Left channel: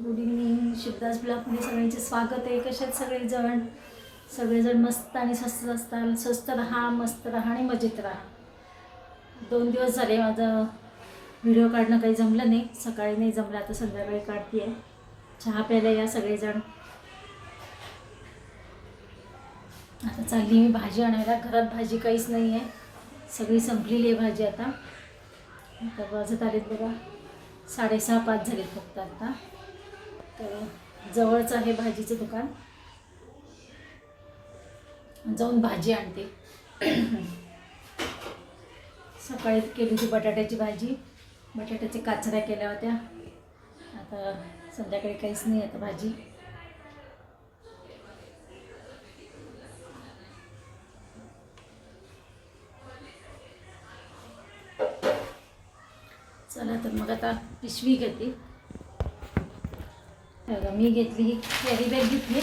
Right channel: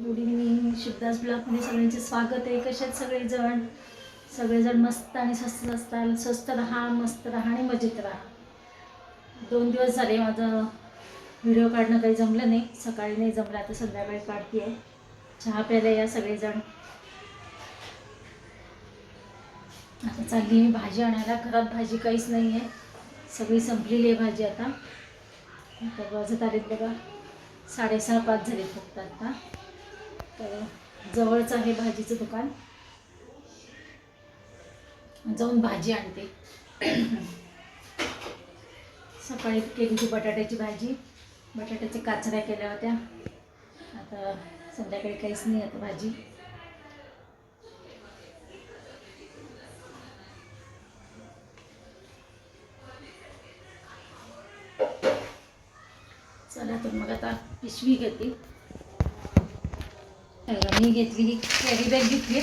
Good evening Shivdas ब्लॉकमध्ये सगळ्यांचे स्वागत आहे. कशात सगळेजण? सगळेजण मस्त आणि स्वस्त असतात स्वस्त राहा मस्त राहा आणि मजेत राहा. दोन दिवस झाले माझं व्हिडिओ काढणं काही जमलं नाही. सकाळी नाही जमलं आता संध्याकाळी काढते आहे चहा प्यायला या सगळेजण. आता चालली मी भाजी आणायला. घरात भाजी काहीच नाही आहे सगळी संपलेली आहे भाजी आता. तर वाजत आलेत बघा. साडेसहा पाच झालेत फक्त आता. तर जवळचं आहे भाजीचं दुकान. जाऊन भाजी आणते. सकाळी केली होती बटाट्याची भाजी. बटाट्याच्या काचऱ्या केल्या होत्या. आता संध्याकाळी काहीच नाही आता भाजी. चला तर मग आता पिशवी घेते. मी घेतली ही कॅरी बॅग घेतली.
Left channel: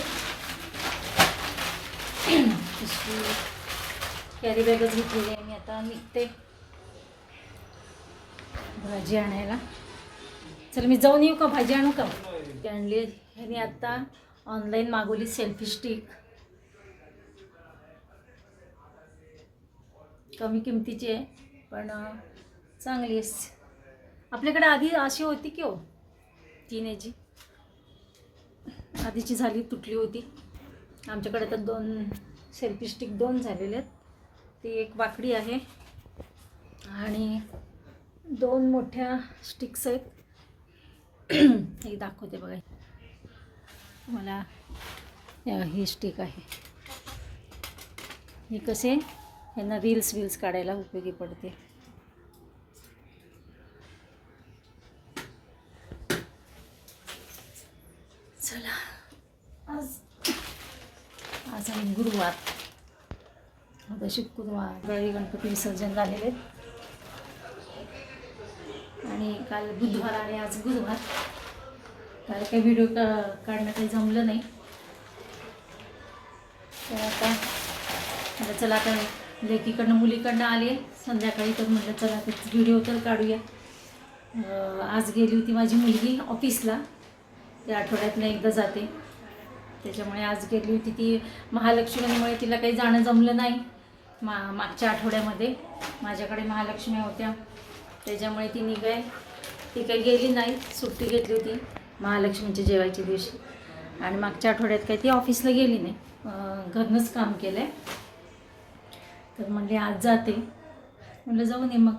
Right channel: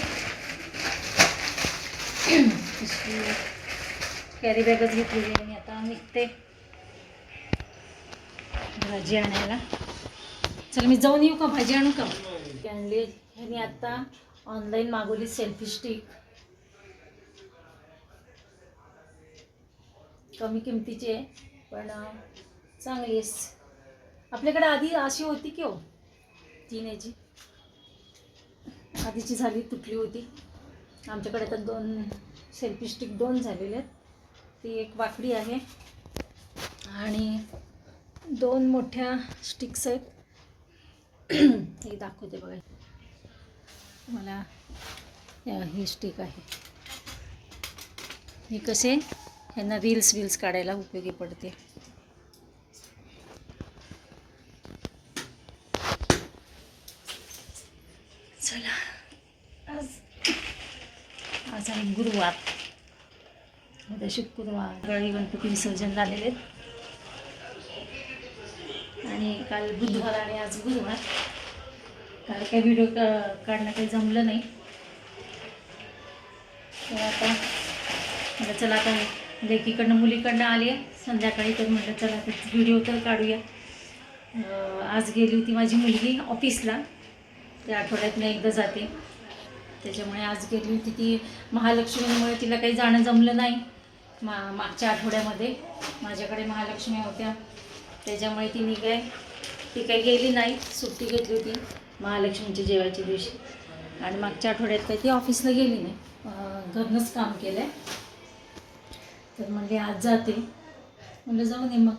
कॅरी बॅगच घेतलेली आहे मी आता. निघते. भाजी आणायला. चल मी जाऊन येऊ का? भाजी आणू का? आणली. ह्याने आत्ता ऑनलाईन मागवली सेल्फी स्टिक कमी किमतीची आहे पण चांगली आहे. आपल्याकडे आधी अशी होती की हो? तीन याची. आधीची झाली तुटली होती. आमच्याकडे तर दोन सेल्फी स्टिक दोन झालेले आहेत. ती एक वाकडी आहे आणि दोन मोठ्या स्टिक्स आहेत. एक दाखवते बघा. मला हे ही स्टिक आहे. हे कसे? ह्यांना रील्स वील्स काढायला उपयोगी पडते चला आज शुक्रवार उद्या शुक्रवार गळी गणपती विसर्जन झालेले आहेत. आणि काल बुधवार आणि आज गुरुवार. काल काही व्हिडिओ का काढणं काही जमलं नाही. तर आता म्हटलं चला आता लेकीकडनं मुलीकडनं आली आहे संध्याकाळी तर म्हटलं चला तर व्हिडिओ तर काढूया. आज गेली होती माझी मुलगी ऑफिसला त्या आठवड्यातनं एकदा जाते. त्याच्यामुळे आज गेली होती ती महालक्ष्मीमुळे तिला काही जाणं जमलं नाही मा मागच्या आठवड्यामध्ये. माझ्याकडे महालक्ष्मी होत्या. त्याच्यामुळे ती काय ती काही गेली नाही. सुट्टी घेतली होती महालक्ष्मीच्या जेवायच्या दिवशी. आणि मागच्या आठवड्यात काही ती ऑफिसला गेली नाही. घरनंच काम केलं आहे तर म्हणजे आज जाते. म्हणलं जाऊन ये मग.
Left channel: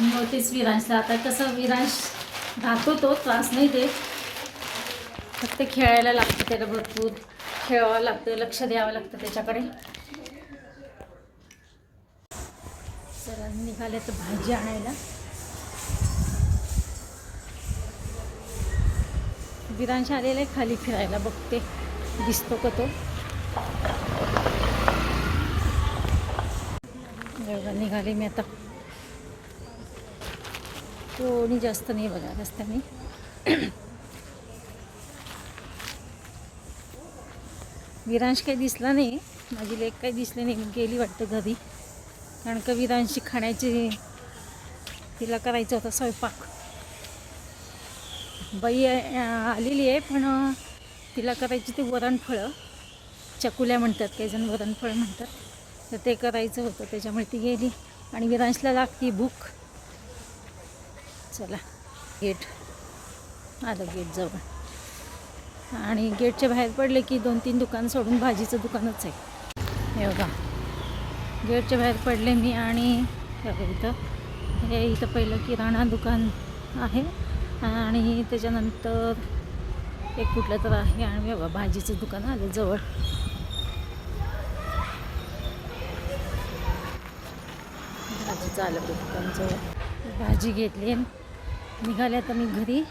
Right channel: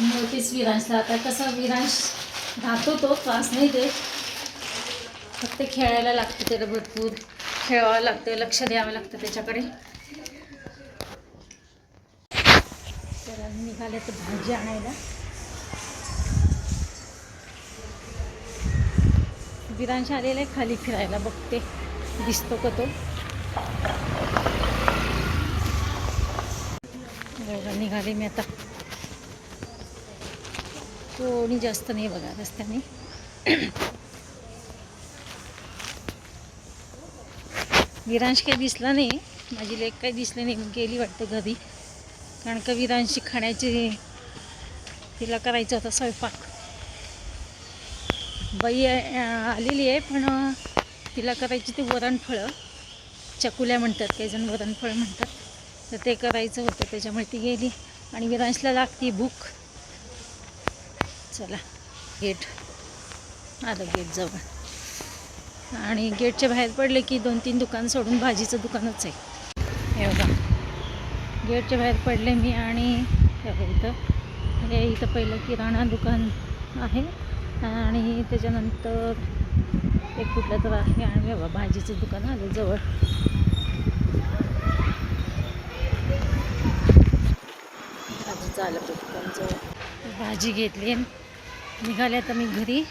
मी होतेच विरांशला आता कसं विरांश राहतो तो त्रास नाही देत. फक्त खेळायला लागतं त्याला भरपूर. खेळावं लागतं लक्ष द्यावं लागतं त्याच्याकडे. तर निघाले तर भाजी आणायला. विरांश आलेला आहे खाली फिरायला बघते. दिसतो का तो? निघाले मी आता. कोणी जास्त नाही बघा रस्त्याने. विरांश काही दिसला नाही. माझी लेक काही दिसली नाही गेली वाटतं घरी. कारण का विरांशी खाण्याची तिला करायचं होतं स्वयंपाक. बाई आलेली आहे पण तिला करायची ते वरणफळं. चकुल्या म्हणतात काही जण वरणफळ म्हणतात. तर ते करायचं होतं त्याच्यामुळे ती गेली. आणि विरांशला लागती भूक. चला गेट. आलं गेट जवळ. आणि गेटच्या बाहेर पडले की दोन तीन दुकान सोडून भाजीचं दुकानच आहे. हे बघा. गेटच्या बाहेर पडले मी आणि इथं. हे इथं पहिलं किराणा दुकान आहे आणि त्याच्यानंतर एक कुठलं तर आहे आणि बाबा बघा भाजीचं दुकान आलं जवळ. भाजीचं आलं दुकान जवळ. भाजी घेतली आणि निघाले आता मी घरी.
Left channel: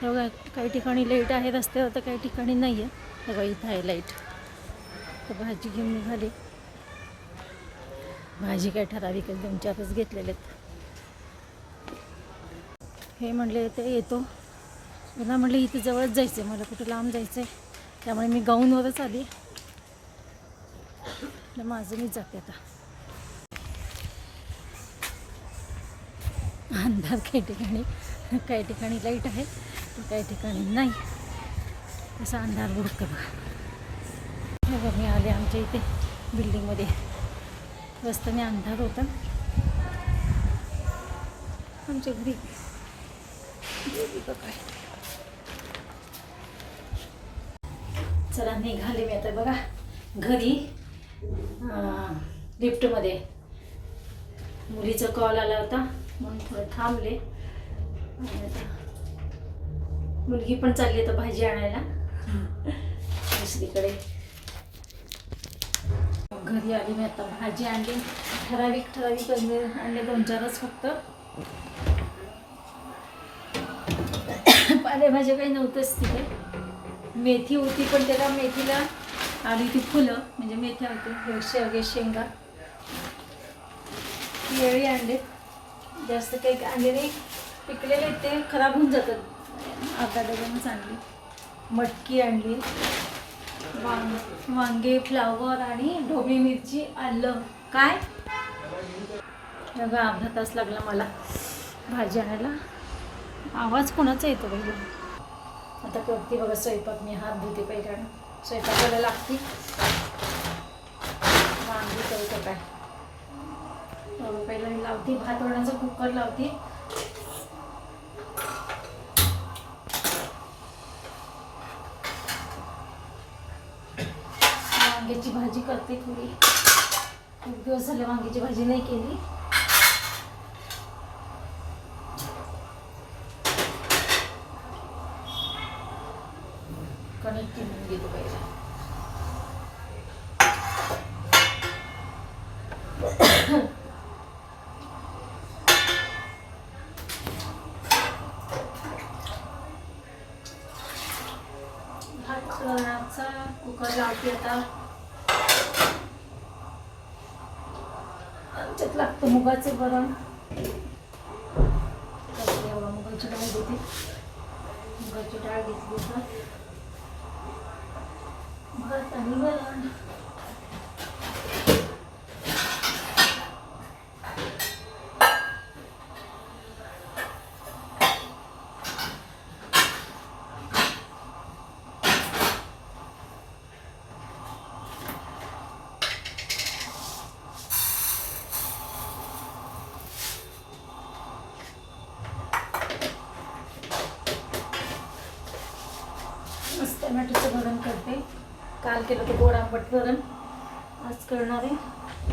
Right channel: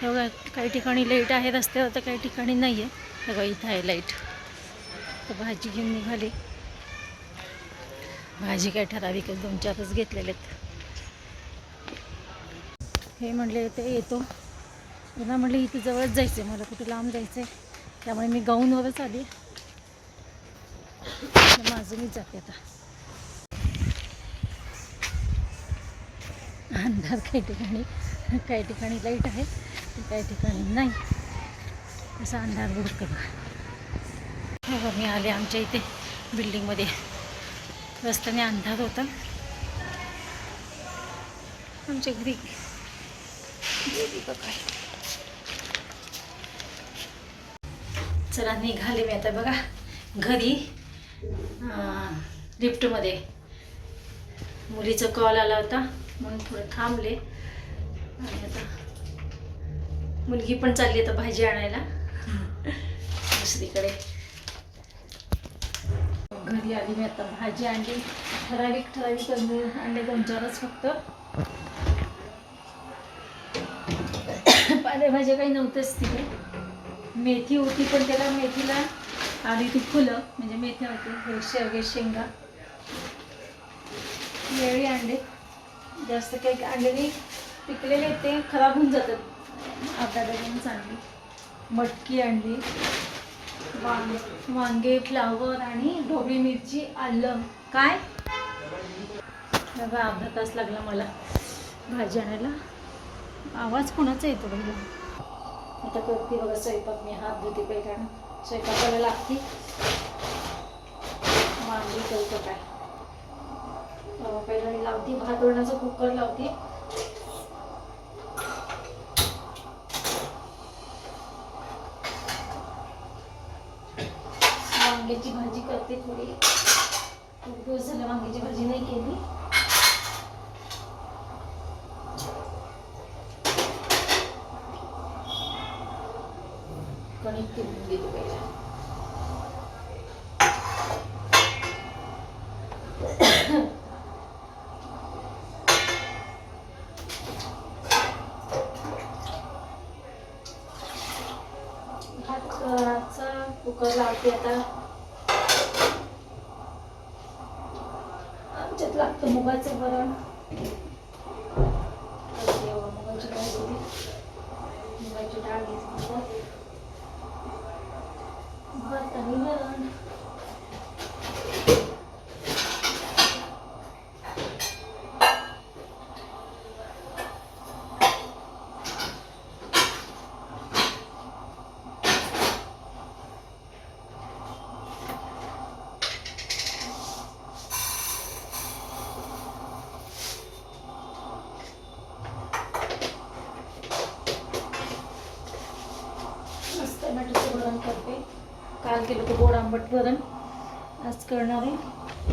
हे बघा काही ठिकाणी लाइट आहे रस्त्यावर तर काही ठिकाणी नाही आहे हे बघा इथं आहे लाइट तर भाजी घेऊन निघाली. भाजी काय ठराविक दोन चारच घेतलेले आहेत. हे म्हणले ते येतो. पुन्हा म्हटलं इथं जवळच जायचं आहे मला कुठं लांब जायचं आहे त्यामुळे मी गाऊनवरच आली. तर माझं मीच जाते आता. अंधार काही ठिकाणी काही ठिकाणी लाइट आहे. काही ठिकाणी नाही. तसा अंधार बुडकं बघा बघा मी आले आमच्या इथे बिल्डिंगमध्ये रस्त्याने अंधार होता. आमच्या घरी. बघा. चला निघाले मी आता बघा. घरी लिफ्टमध्ये मुलीचा कॉल आला होता. म्हणून थोडं थांबले. आणि आता मुलगी पण चालली आता भाजी आणायला. दुसरीकडे. घरी आली मी आता भाजी आणली. ठराविक ठराविक आणले दोन चारच फक्त. पालेभाज्या काही नव्हत्याच तिथे. मेथी होती पण त्याला मेथीला आली ती फुलं म्हणजे मेथ्या होते शेवगे शेंगा. केळी आणले. जास्त काही आणले नाही. पिकलेले ते खराब होऊन जातात. अर्धा डझनच आणली मटकी आणली. वांग वांगे फ्लावर आणि ढोबळी मिरची आलं. काय? बघा अर्धा तास लागला मला भाजी आणायला. आवाज कोणाचा येतो पहिला आता करते बघा स्वयंपाक मी हात धुते पहिला स्वयंपाकाला लागते. वांगी करतो काय? पहिला मी लावते. भात वरणाचा कुकर लावते. वांग्याची भाजी करते थोडी. खूप दिवस झाले वांग्याची भाजी नाही केली. कणिक केली गेली पाहिजे कुकर लावते आता आमच्यात लागतं मुगाचे वरण त्याच्यात एवढं मुगाची डाळ घेते मुगाची डाळ घेतली तर भात आणि वरण मस्त टमॅटोचं वरण करते काल केलं होतं गोड आंबट वरण. आज करणार आहे.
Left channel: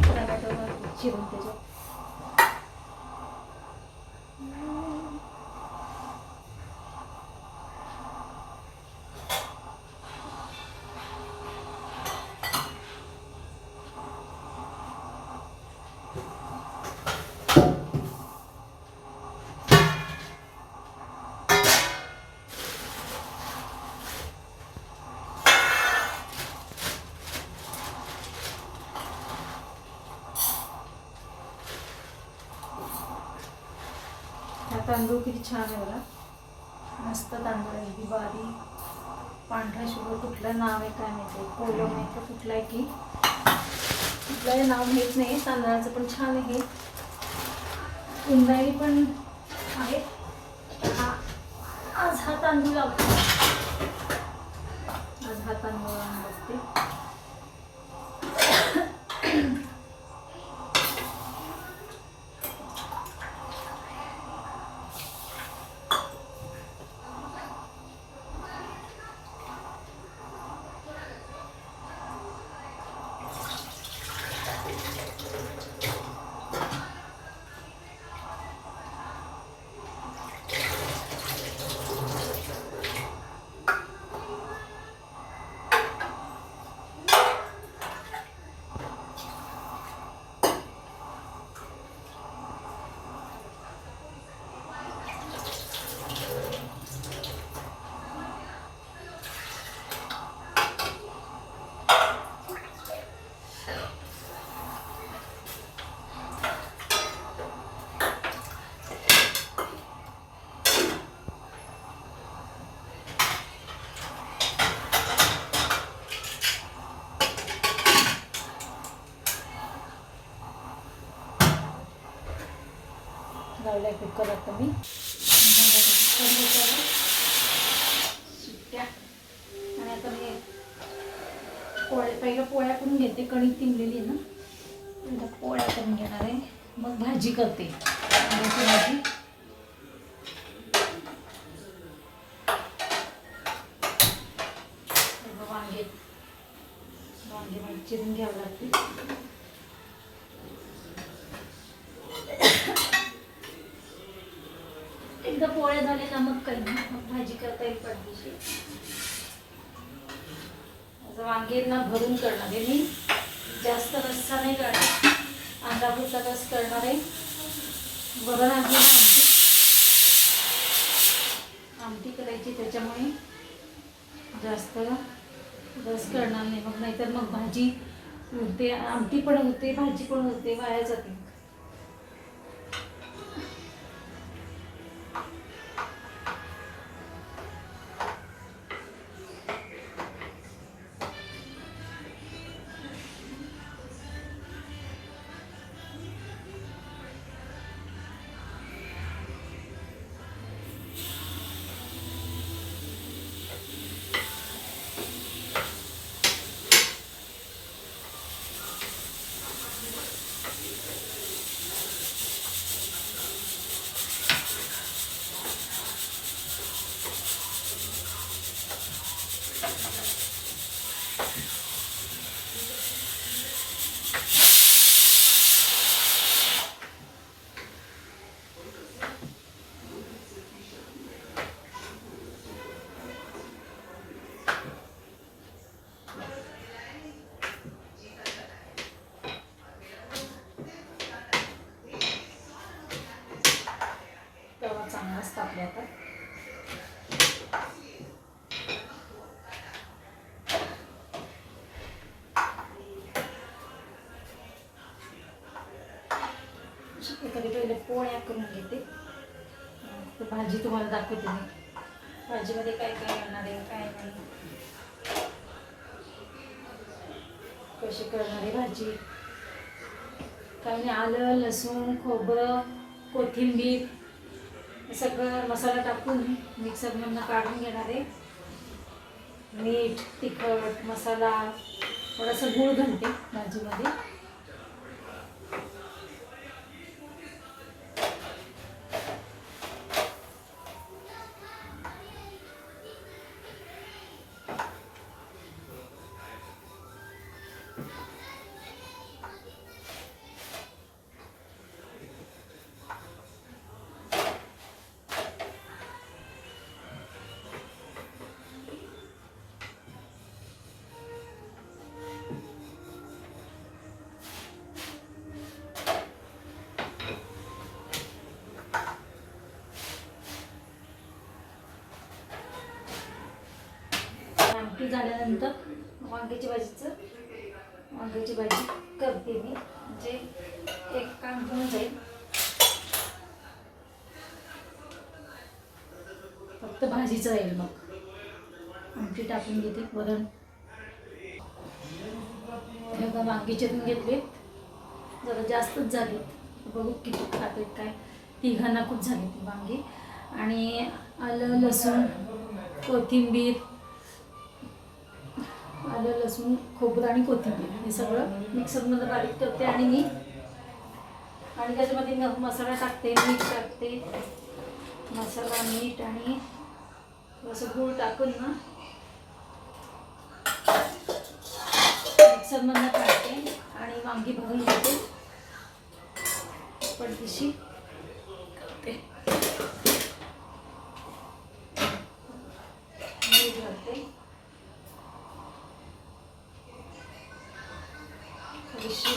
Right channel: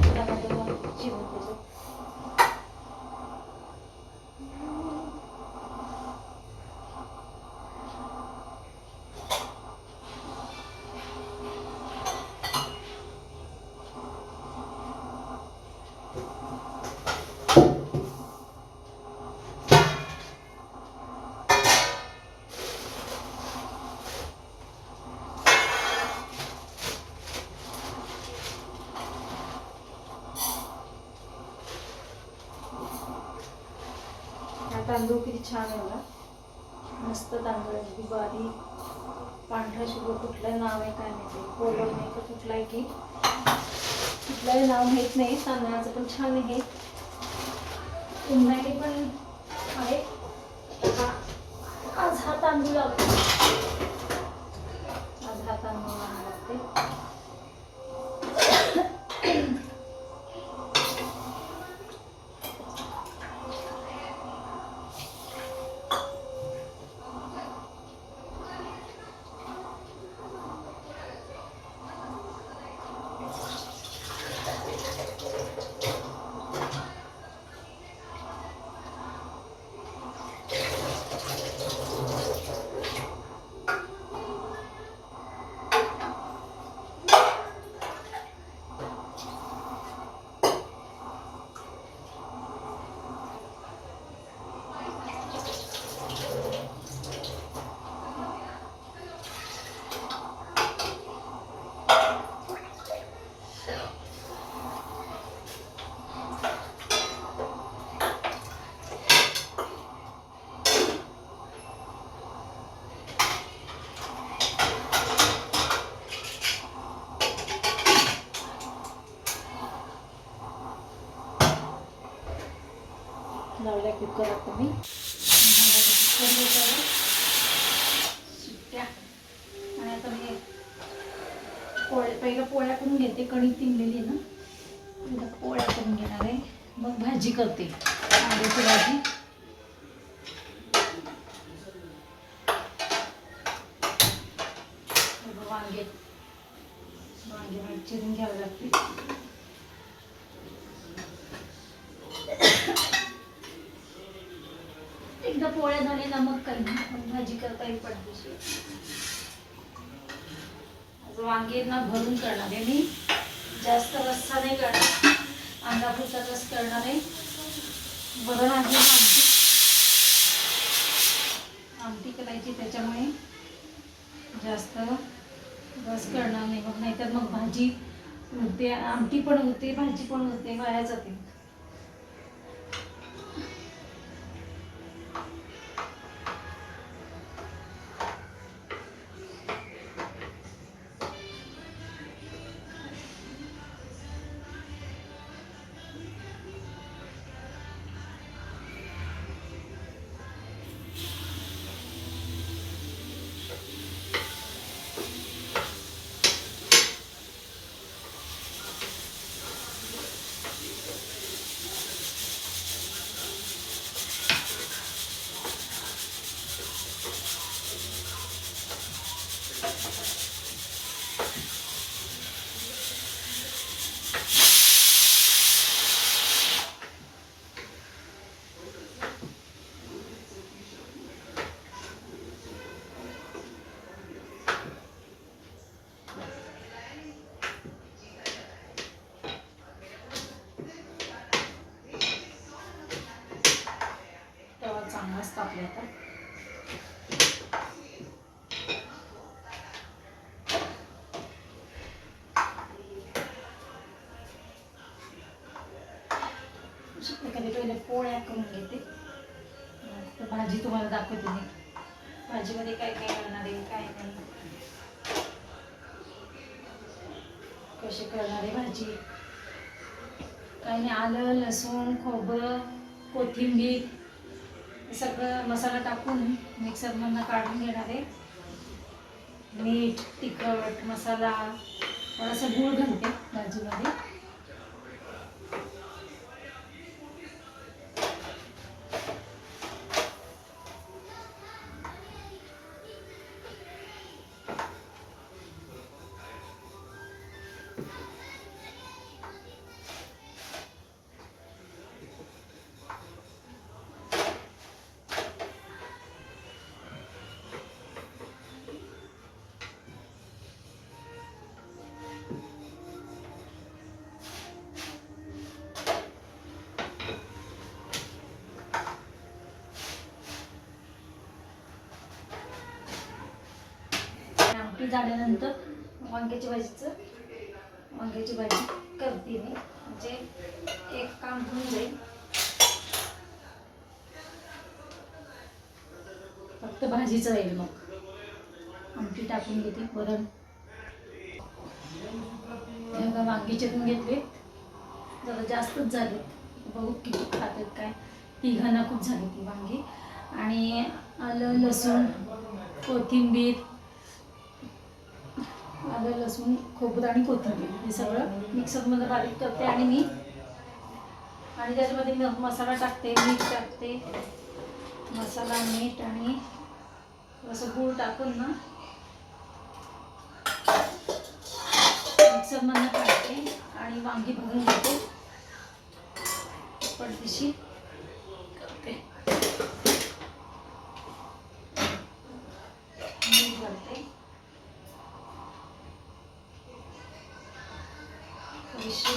टमॅटो चिरून त्याच्यात हा तांदूळ किती छान आहे बघा. मस्त तांदूळ आहे. अगदी बारी. पांढरा शुगर कुठलं नाव आहे काय माहिती. कोलम आहे का कुठलं आहे की? कुठलंही नाव माहीत नाही. तांदळाचं पण छान आहे. इंद्रायणी पण आहे. हा आज हा तांदूळ लागतो कुकरला तुम्ही. आणि आता मी पोळ्या पहिलं पोळ्या करून घेते कणिक पिंजलेली ना. पोळ्या करून घेणार आहे. मग भाजी करते. कांद्याची भाजी. वांगे. वांगे चिरून घ्यावे लागते पोळ्या झाले ना मग करणार मग भाजी करता येईल पडदेशी. वांगीना वांगे ना भरून करणार आहे मी. जास्त रस्सा नाही करणार. अंगापुरचा रस करणार आहे. वरण आहे ना आमटी. आमटी करायची त्याच्यामुळे जास्त रस करणार नाही. मग नाहीतर मग भाजी होते आमटी पण होते भाजी पण होते वाया जाते. तेव्हा चांगलाच आता. अशा पहिले पोळ्या करून घेते. तर भाजी तुम्हाला दाखवते मी. भाजीमध्ये काय काय करणार आहे काय नाही. कशी करणार आहे भाजी? काही नाही आलं लसूण खोबरं कोथिंबीर सगळं मसाला टाकून मिक्सरमधनं काढून घेणार आहे. मीठ तिखट मसाला थोडासा गूळ घालते भाजीमध्ये ही झाल्यानंतर वांग्याची भाजीचं वांग्याची भाजी करते मी. म्हणजे एक काम होऊन जाईल. फक्त भाजीचं राहील मग. आमटी टाकून घेते वरण. हे बघा वांगी चिरून घेतले. जरा जास्तच झाले बघू किती खात आहेत काय. तिघांना खूप झाले ती वांगी. आणि आलं लसूण कोथिंबीर आलं लसूण खोबरं आणि कोथिंबीर. हे सगळं मिक्सरमध्ये बारीक करते आणि मी. आणि त्याच्यामध्ये मसाला टाकते मीठ टाकते. मसाला मीठ आणि थोडंसं गूळ टाकून ना मिक्सरमधनं टाकते आणि वांगी भरून घेते. पडदेशी करते मीठ घालते थोडीशी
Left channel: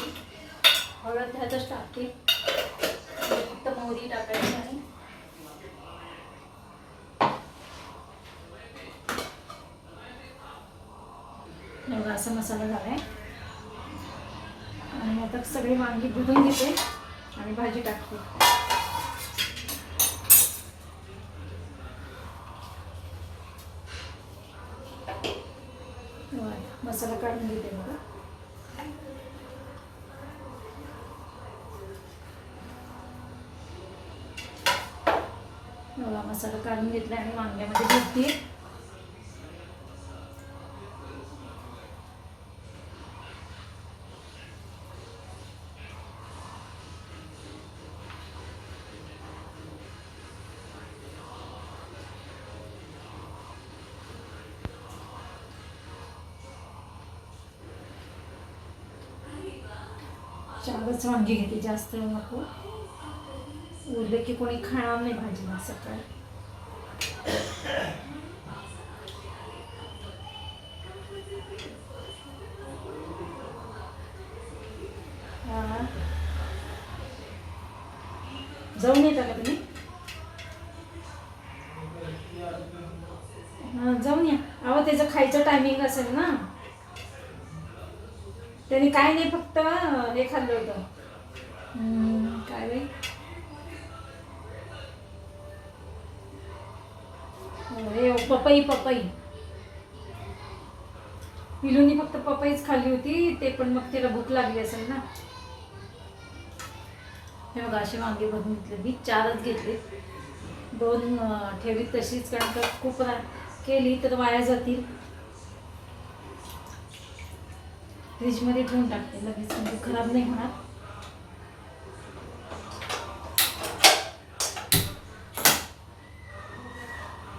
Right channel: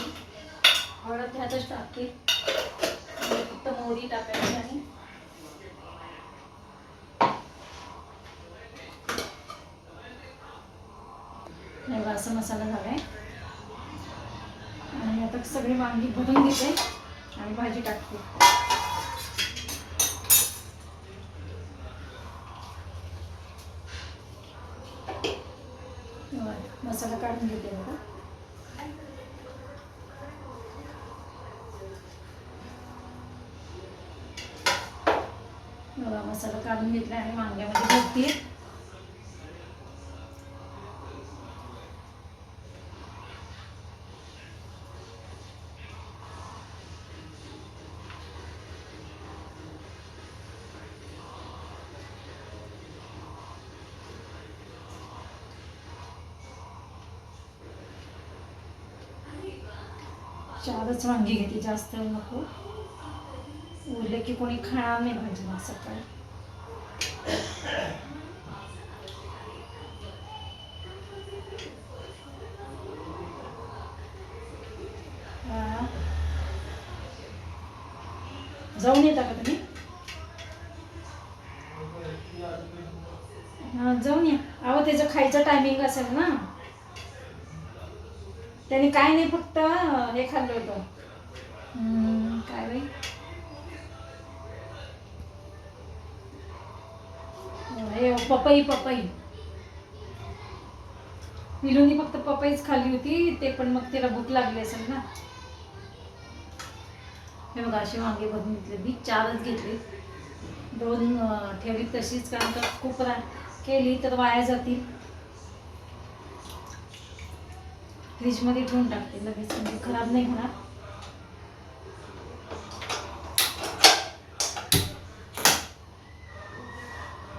हळद ह्यातच टाकते आणि फक्त मोहरी टाकायची आणि बघा असा मसाला झाला आहे आणि आता सगळी वांगी भरून घेते आणि भाजी टाकते. मसाला काढून घेते बघा. मसाला काढून घेतला आणि वांग्यामध्ये भरते. चारच वांगी घेते जास्त नको. उरले की कोणी खाणार नाही भाजी असं तर जाऊन येता का तुम्ही? जाऊन या. अहो त्याचं खायचं टायमिंग असेल ना. त्याने काय नाही फक्त हे खाल्लं होतं. काय बाई? हे पपई पपई. पिलूनी फक्त पपईच खाल्ली होती ते पण मग तिला भूक लागली असेल ना. हे बघा अशी वांगे भरून घेतले मी चारच घेतले. दोन अं, ठेवली तशीच कारण का खूप केली तर वाया जातील. फ्रीजमध्ये ठेवून टाकते. लगेच म्हणजे खराब नाही होणार.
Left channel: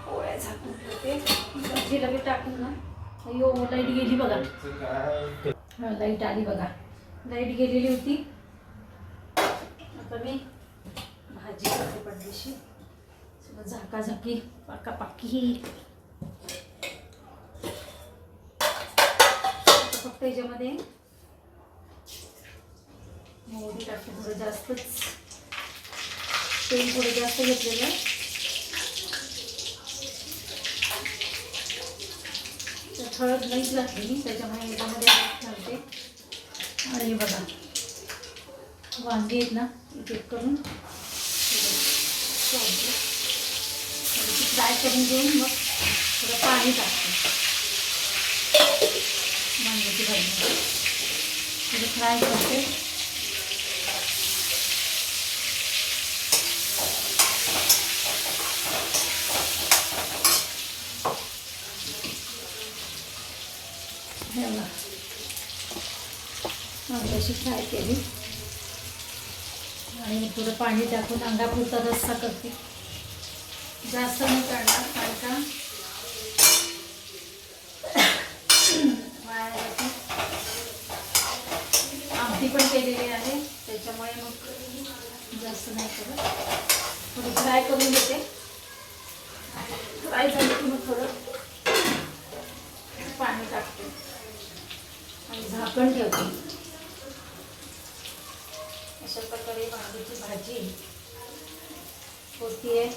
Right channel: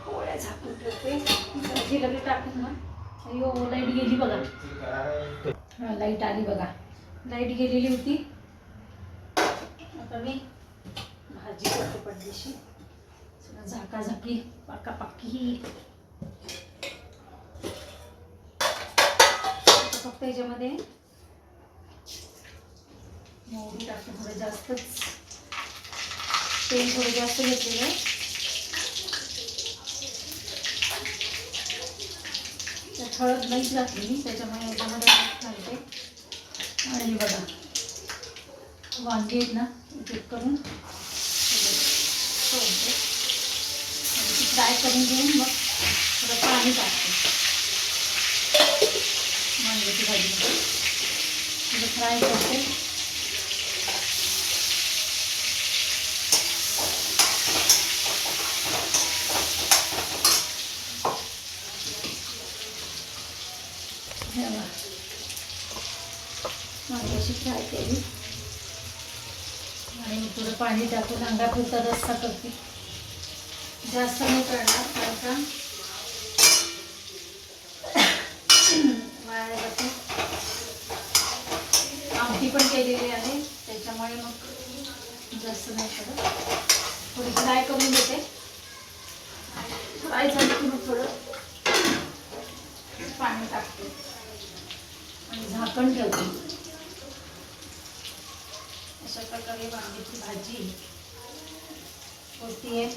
पोळ्या झाकून ठेवते. भाजी लगेच टाकेल ना. अयो लाइट गेली बघा. लाइट आली बघा. लाइट गेलेली होती. आता मी भाजी करते पडदेशी सगळं झाकाझाकी पाकापाकी. आता याच्यामध्ये मोहरी टाकते थोडं जास्तच तेल थोडं जास्त घेतलेलं आहे. त्यात हळद नाहीच घातली मी त्याच्यामुळे याच्यामध्ये घालते. आणि बघा वांगे आहेत ना एक एक करून. फ्राय करून घेऊन मग थोडं पाणी टाकते. वांग्याची भाजी थोडं म्हणजे फ्राय करते. हे फ्राय केली. आणि थोडं पाणी टाकून अंगापुरता रस्सा करते. जास्त नाही करणार कारण का वाया जाते. आमटी पण केलेली आहे. त्याच्यामुळे मग जास्त नाही करत थोडी फ्राय करून घेते फ्राय झाली की मग थोडं पाणी टाकते. आणि झाकण ठेवते. अशा प्रकारे वांग्याची भाजी होती आहे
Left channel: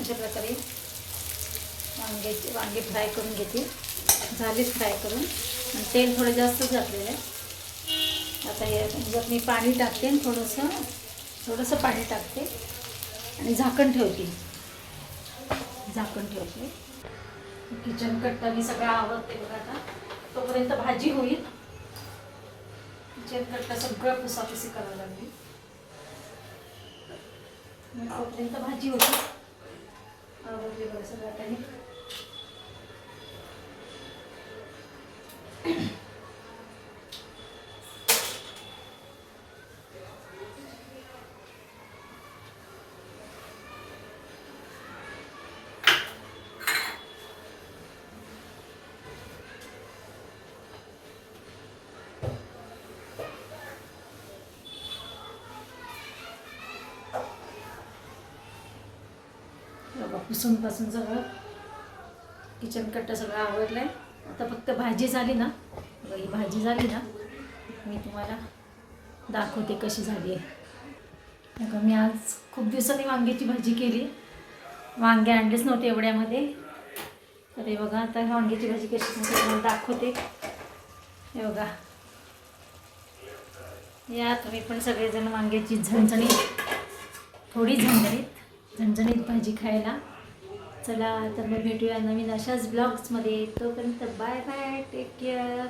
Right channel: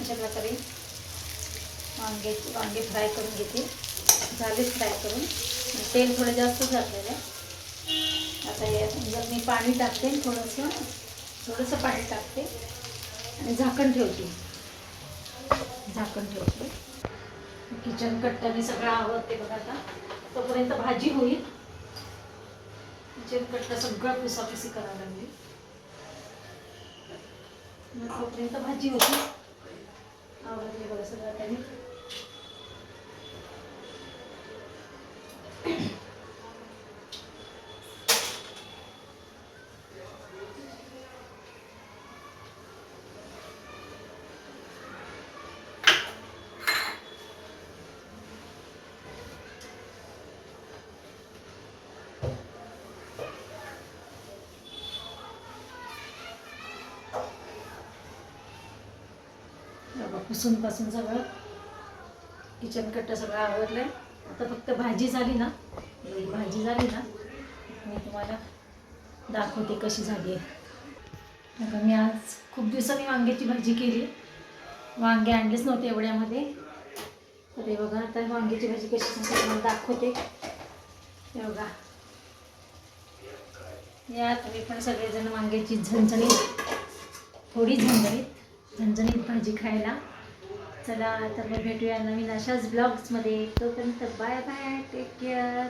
अशा प्रकारे वांग्याचे वांगे फ्राय करून घेते. झालीच फ्राय करून. आणि तेल थोडं जास्त घातलेलं आहे. आता हे याच्यात मी पाणी टाकते थोडंसं थोडंसं पाणी टाकते. आणि झाकण ठेवते. झाकण ठेवते. किचन कट्टा मी सगळं आवडते बघा आता. तोपर्यंत भाजी होईल. किचन कट्टा सगळं पुसापुसी करायला लागली. मग तोपर्यंत भाजी होती. आवडली बघा सगळं त्याने बघा पुसून पासून सगळं. किचन कट्टा सगळं आवडलं आहे आता फक्त भाजी झाली ना ही भाजी झाली ना मी तुम्हाला दाखवते कशी झाली आहे. अगं मी आज खूप दिवसांनी वांग्याची भाजी केली. वांगे आणलेच नव्हते एवढ्यामध्ये. तर हे बघा आता वांग्याची भाजी कशी तुम्हाला दाखवते. हे बघा. या तुम्ही पण सगळेजण वांग्याची झणझणीत थोडी झणझणीत झणझणीत भाजी खायला. चला तर मग भेटूया नवीन अशाच ब्लॉग्समध्ये तोपर्यंत बाय बाय टेक केअर